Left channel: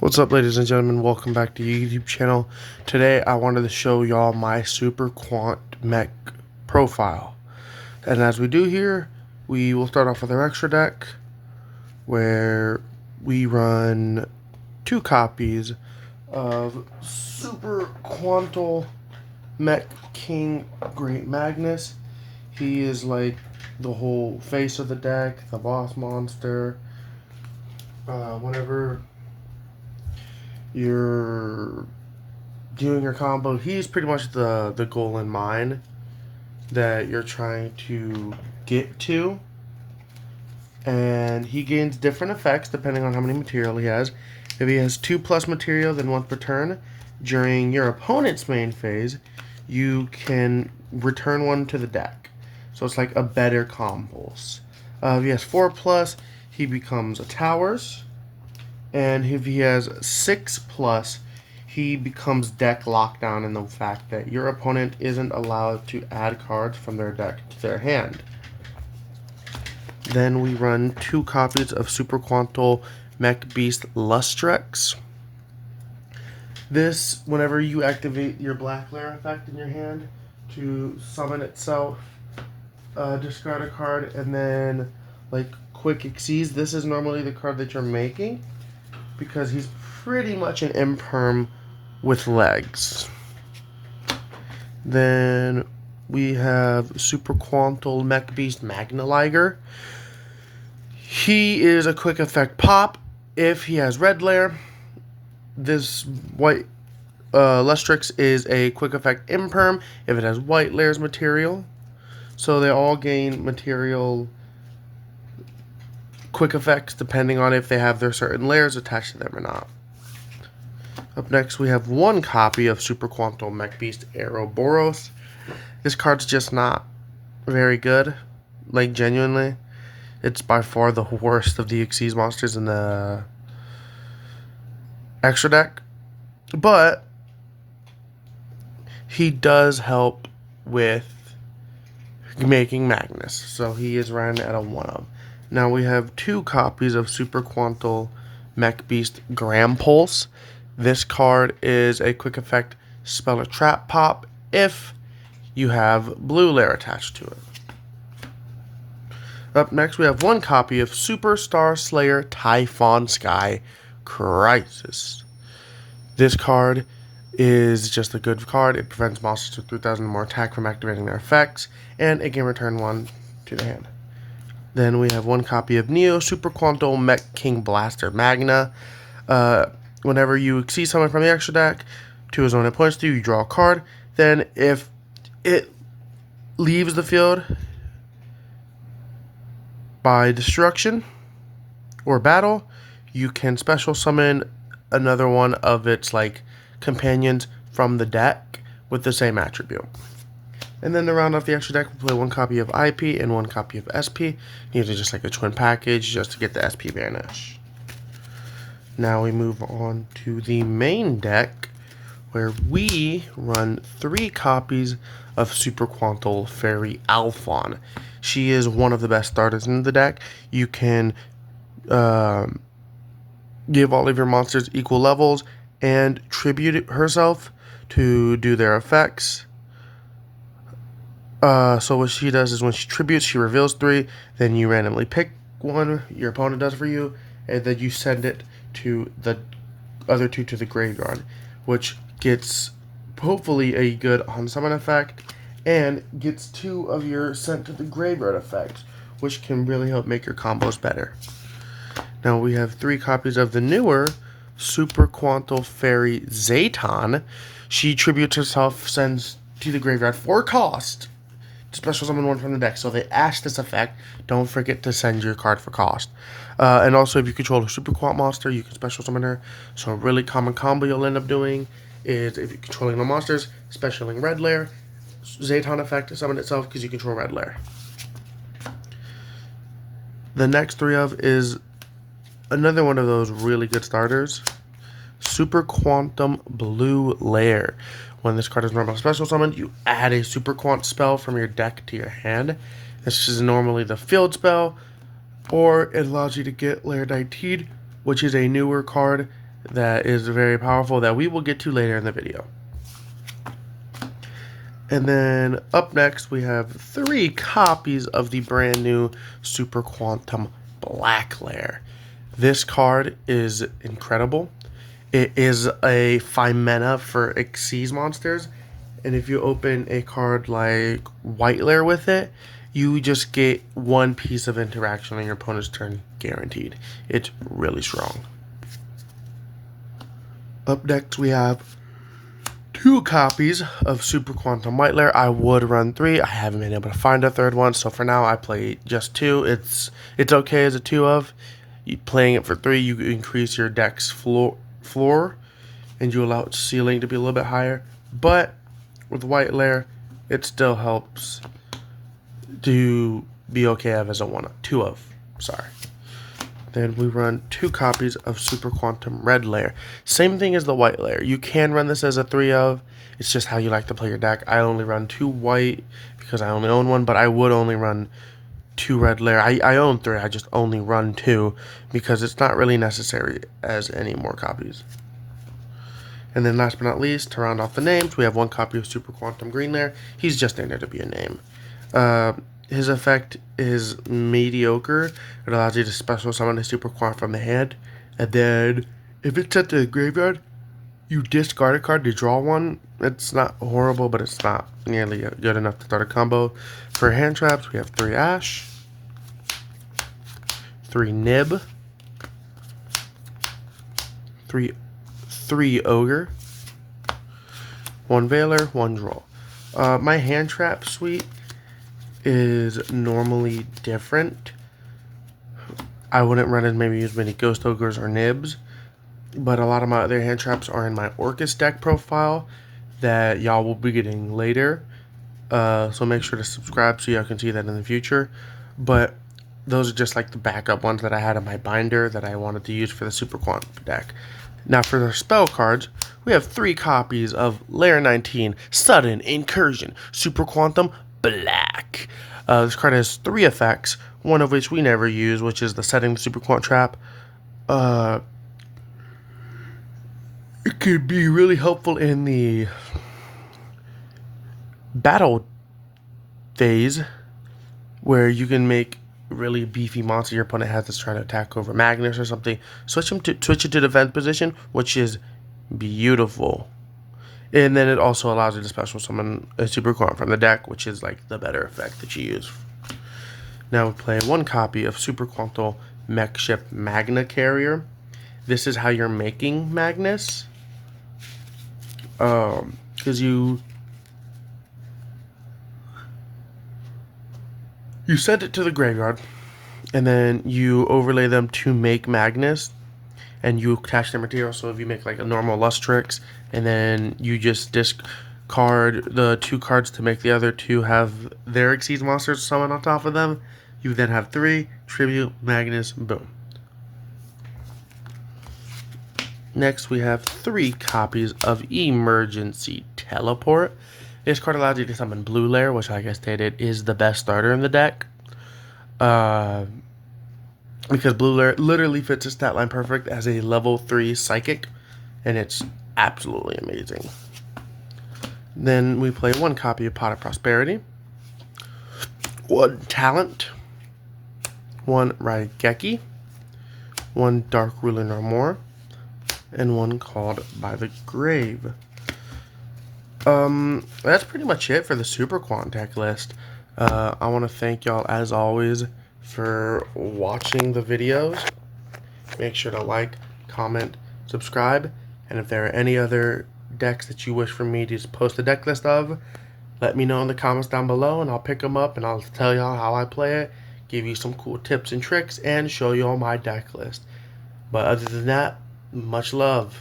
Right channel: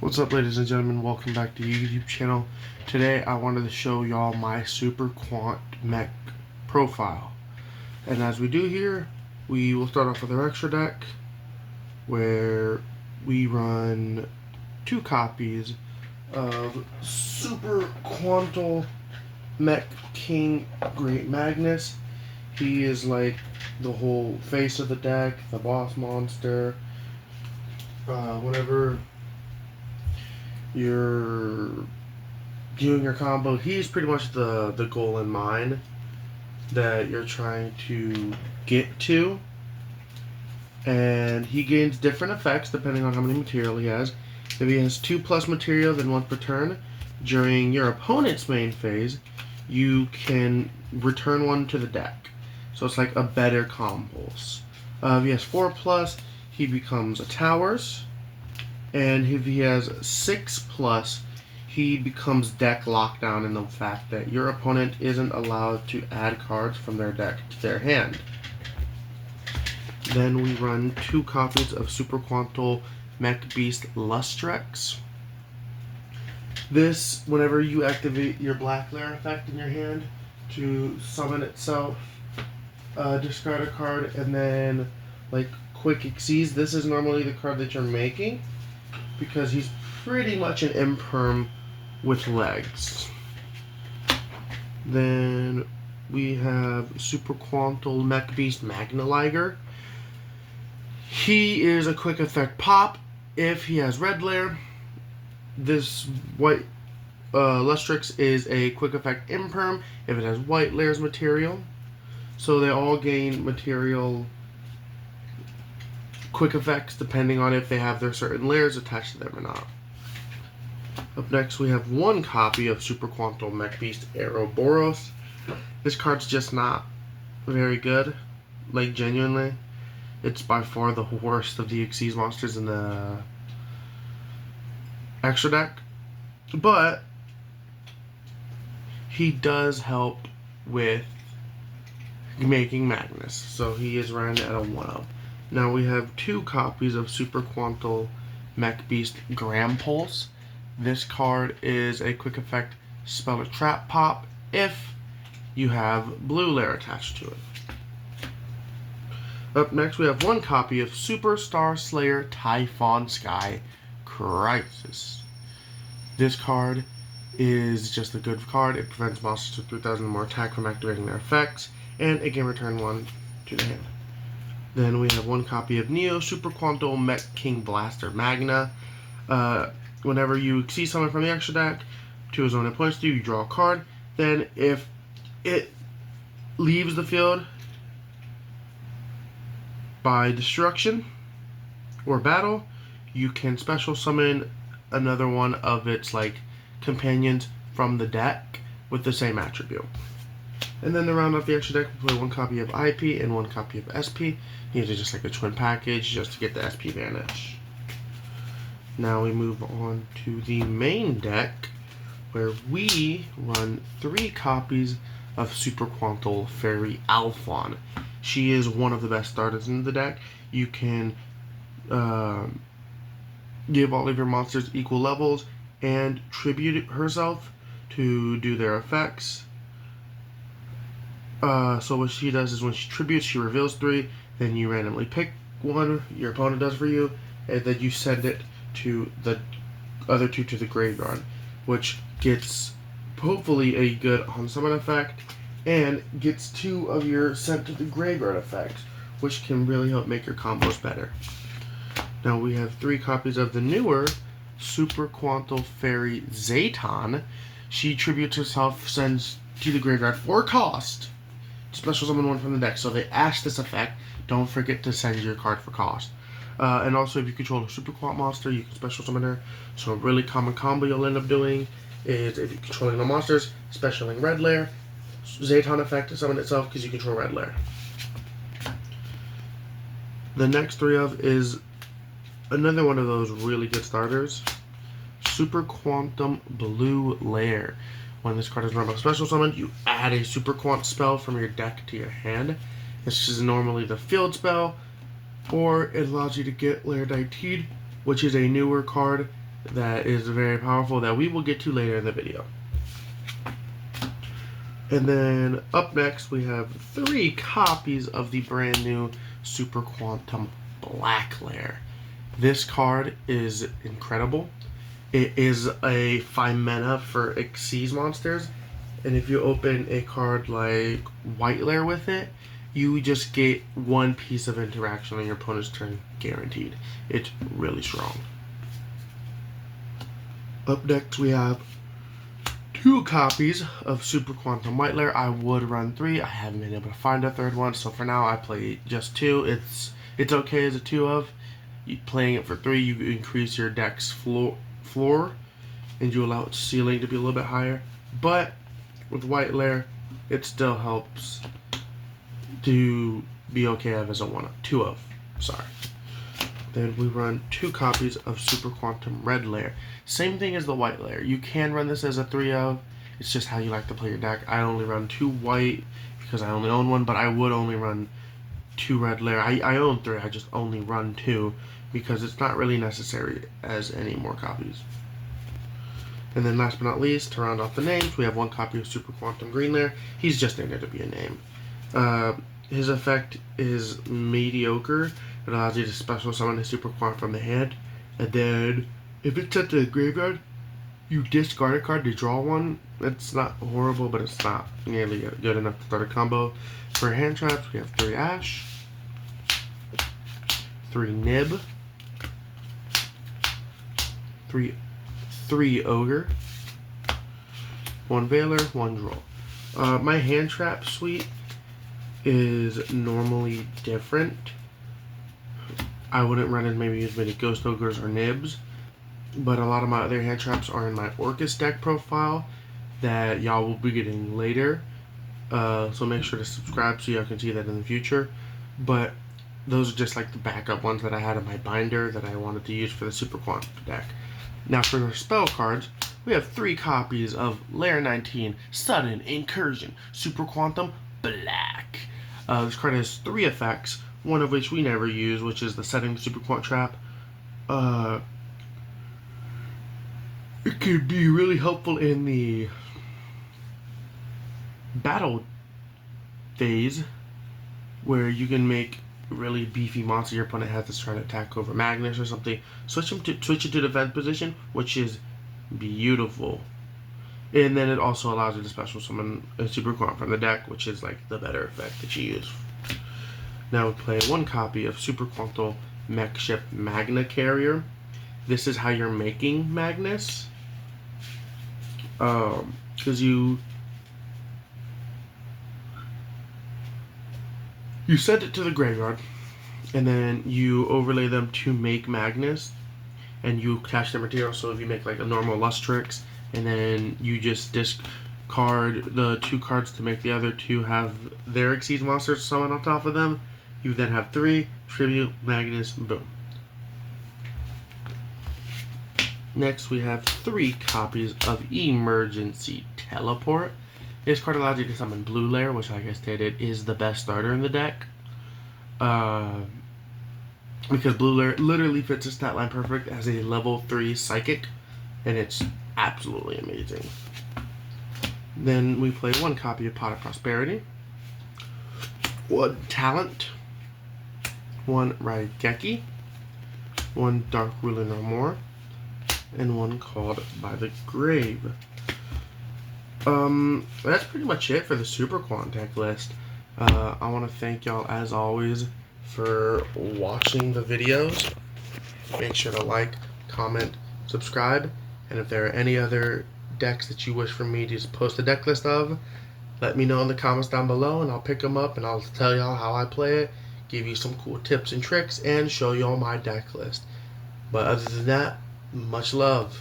What's up, ladies and gentlemen? Welcome back to the YouTube channel. Today I wanted to show y'all my Super Quant mech profile. And as we do here, we will start off with our extra deck, where we run 2 copies of Super Quantal Mech King Great Magnus. He is like the whole face of the deck, the boss monster. Whenever you're doing your combo, he's pretty much the goal in mind that you're trying to get to. And he gains different effects depending on how many material he has. If he has 2+ material, then once per turn, during your opponent's main phase, you can return one to the deck. So it's like a better combos. If he has 4+, he becomes a towers. And if he has 6+, he becomes deck lockdown in the fact that your opponent isn't allowed to add cards from their deck to their hand. Then we run 2 copies of Super Quantal Mech Beast Lustrex. This, whenever you activate your Black Lair effect in your hand to summon itself, discard a card, and then like quick exceeds. This is normally the card that you're making, because he's pretty much an imperm with legs. Then we have Super Quantal Mech Beast Magnaliger. He is a quick effect pop if he has red layer. This white Lustrix is a quick effect imperm if it has white layers material. So they all gain material quick effects depending on if they have their certain layers attached to them or not. Up next, we have 1 copy of Super Quantal Mech Beast Ouroboros. This card's just not very good. Like, genuinely, it's by far the worst of the Xyz monsters in the extra deck. But he does help with making Magnus, so he is ran at a 1-up. Now we have 2 copies of Super Quantal Mech Beast Gram Pulse. This card is a quick effect spell or trap pop if you have blue layer attached to it. Up next, we have 1 copy of Super Star Slayer Typhon Sky Crisis. This card is just a good card. It prevents monsters with 3,000 or more attack from activating their effects, and it can return 1 to the hand. Then we have 1 copy of Neo Super Quantal Mech King Blaster Magna. Whenever you see someone from the extra deck to his own opponent's you draw a card. Then if it leaves the field by destruction or battle, you can special summon another one of its like companions from the deck with the same attribute. And then to round off the extra deck, we play 1 copy of IP and 1 copy of SP. Usually just like a twin package, just to get the SP vanish. Now we move on to the main deck, where we run 3 copies of Super Quantal Fairy Alphon. She is one of the best starters in the deck. You can give all of your monsters equal levels and tribute herself to do their effects. So what she does is when she tributes, she reveals 3, then you randomly pick one, your opponent does for you, and then you send it to the other 2 to the graveyard, which gets hopefully a good on-summon effect, and gets 2 of your sent to the graveyard effects, which can really help make your combos better. Now we have 3 copies of the newer Super Quantal Fairy Zayton. She tributes herself, sends to the graveyard for cost, special summon 1 from the deck. So they ash this effect. Don't forget to send your card for cost. And also, if you control a Super Quant monster, you can special summon her. So a really common combo you'll end up doing is, if you're controlling no monsters, specialing red layer, Zayton effect to summon itself because you control red layer. The next 3 of is another one of those really good starters, Super Quantum Blue Lair. When this card is normal special summoned, you add a Super Quant spell from your deck to your hand. This is normally the field spell, or it allows you to get Lair 19, which is a newer card that is very powerful that we will get to later in the video. And then up next we have 3 copies of the brand new Super Quantum Black Lair. This card is incredible. It is a 5 mana for Xyz monsters, and if you open a card like White Lair with it, you just get 1 piece of interaction on your opponent's turn guaranteed. It's really strong. Up next we have 2 copies of Super Quantum White Lair. I would run 3. I haven't been able to find a 3rd one, so for now I play just 2. It's okay as a 2 of. Playing it for 3, you increase your deck's floor, and you allow its ceiling to be a little bit higher. But with White Lair, it still helps to be okay as a 2 of. Sorry. Then we run 2 copies of Super Quantum Red Lair. Same thing as the White Lair. You can run this as a 3 of. It's just how you like to play your deck. I only run 2 white because I only own 1, but I would only run 2 Red Lair. I own 3. I just only run 2 because it's not really necessary as any more copies. And then last but not least, to round off the names, we have 1 copy of Super Quantum Green Lair. He's just in there to be a name. His effect is mediocre. It allows you to special summon a Super Quant from the hand, and then if it's sent to the graveyard, you discard a card to draw 1. It's not horrible, but it's not nearly good enough to start a combo. For hand traps, we have 3 Ash, 3 Nib, 3 Ogre, 1 Veiler, 1 Droll. My hand trap suite is normally different. I wouldn't run as many Ghost Ogres or Nibs, but a lot of my other hand traps are in my Orcus deck profile that y'all will be getting later. So make sure to subscribe so y'all can see that in the future. But those are just like the backup ones that I had in my binder that I wanted to use for the Super Quant deck. Now for the spell cards, we have 3 copies of Lair 19 Sudden Incursion Super Quantum Black. This card has 3 effects, one of which we never use, which is the setting the Super Quant trap. It could be really helpful in the battle phase, where you can make really beefy monster your opponent has that's trying to attack over Magnus or something. Switch it to defense position, which is beautiful. And then it also allows you to special summon a Super Quant from the deck, which is like the better effect that you use. Now we play 1 copy of Super Quantum Mech Ship Magna Carrier. This is how you're making Magnus. Because you send it to the graveyard, and then you overlay them to make Magnus, and you attach their material. So if you make like a normal Lustrix, and then you just discard the 2 cards to make the other 2 have their Xyz monsters summoned on top of them, you then have 3 Tribute Magnus, boom. Next we have 3 copies of Emergency Teleport. This card allows you to summon Blue Lair, which like I stated is the best starter in the deck. Because Blue Lair literally fits the stat line perfect as a level 3 Psychic, and it's absolutely amazing. Then we play 1 copy of Pot of Prosperity, 1 Talent, 1 Raigeki, 1 Dark Ruler No More, and 1 Called by the Grave. That's pretty much it for the Super Quant deck list. I want to thank y'all as always for watching the videos. Make sure to like, comment, subscribe, and if there are any other decks that you wish for me to post a deck list of, let me know in the comments down below, and I'll pick them up and I'll tell y'all how I play it, give you some cool tips and tricks, and show you all my deck list. But other than that, much love.